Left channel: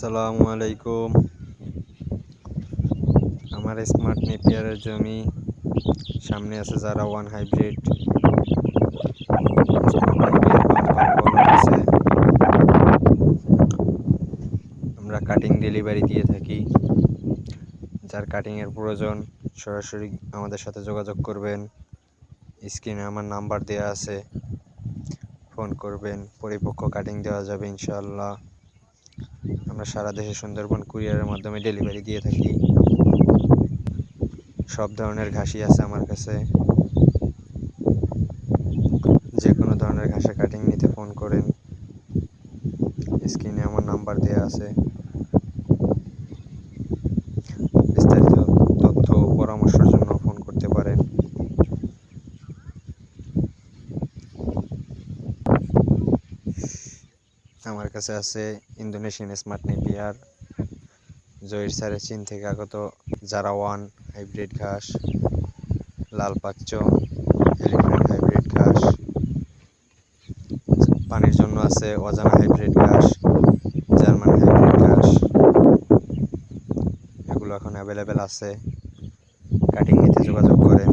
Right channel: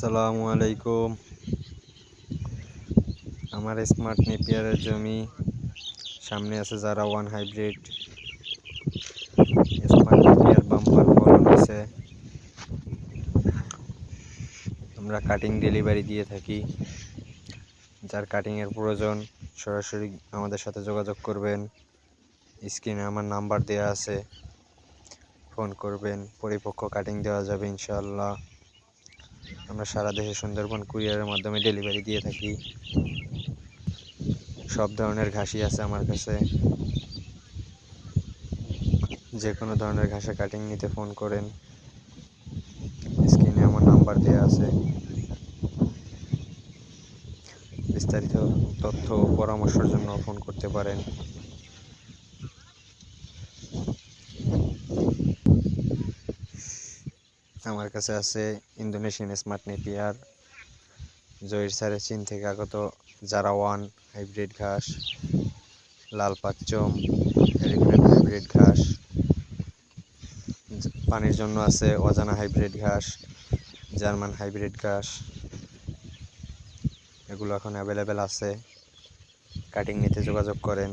আসসালামু আলাইকুম। আমার স্মার্ট নেপিয়ারের জমি, সামনে আছে যারা one hybrid. Smart Napier bumper ফলন আছে। আমরা কাটিং ডেলিভারি দিয়ে থাকি। যার কাটিংয়ের প্রয়োজন সরাসরি আমাদের সাথে যোগাযোগ করবেন। স্ক্রিনে আমার নাম্বার দেওয়া আছে, ফোন করবেন, পরিপক্ক কাটিং দেওয়া যাবে ইনশাআল্লাহ। আমরা সারা দেশে সুন্দরবন কুরিয়ারের মাধ্যমে ডেলিভারি দিয়ে থাকি। সব ধরনের ঘাসই আছে আমার কাছে। যে কোনো ধরনের ঘাসে কাটিং নিতে ফোন করেন। স্ক্রিনে আমার নাম্বার দেওয়া আছে। বিস্তারিত তথ্য ও পরামর্শের জন্য ফোন করতে পারেন। আমার কাছে আছে ইন্দোনেশিয়ান স্মার্ট নেপিয়ার, জহির স্যারের চীন থেকে আগত যারা ওয়ান হাইব্রিড ঘাস, লাল পাচ্চ, এলিফ্যান্ট হাইব্রিড ঘাস। পানির জন্য আছে অজানা হাইব্রিড ঘাস, জার্মান হাইব্রিড ঘাস। এগুলো এখন অ্যাভেলেবেল আছে। কাটিং নিতে যোগাযোগ করেন।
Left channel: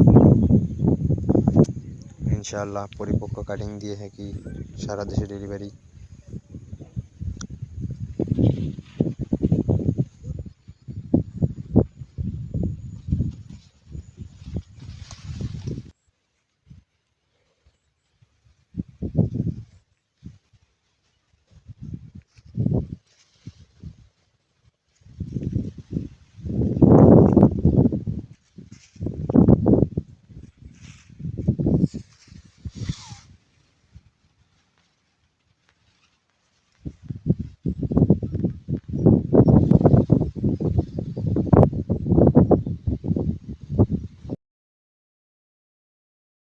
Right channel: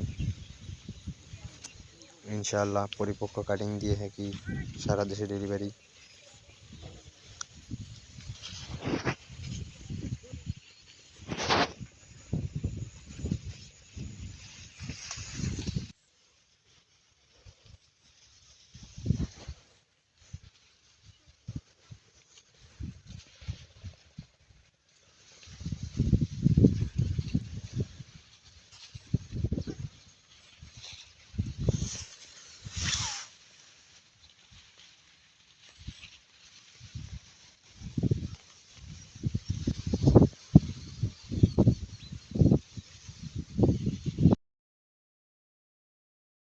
ইনশাআল্লাহ পরিপক্ক কাটিং দিয়ে থাকি, সারা দেশে ডেলিভারি।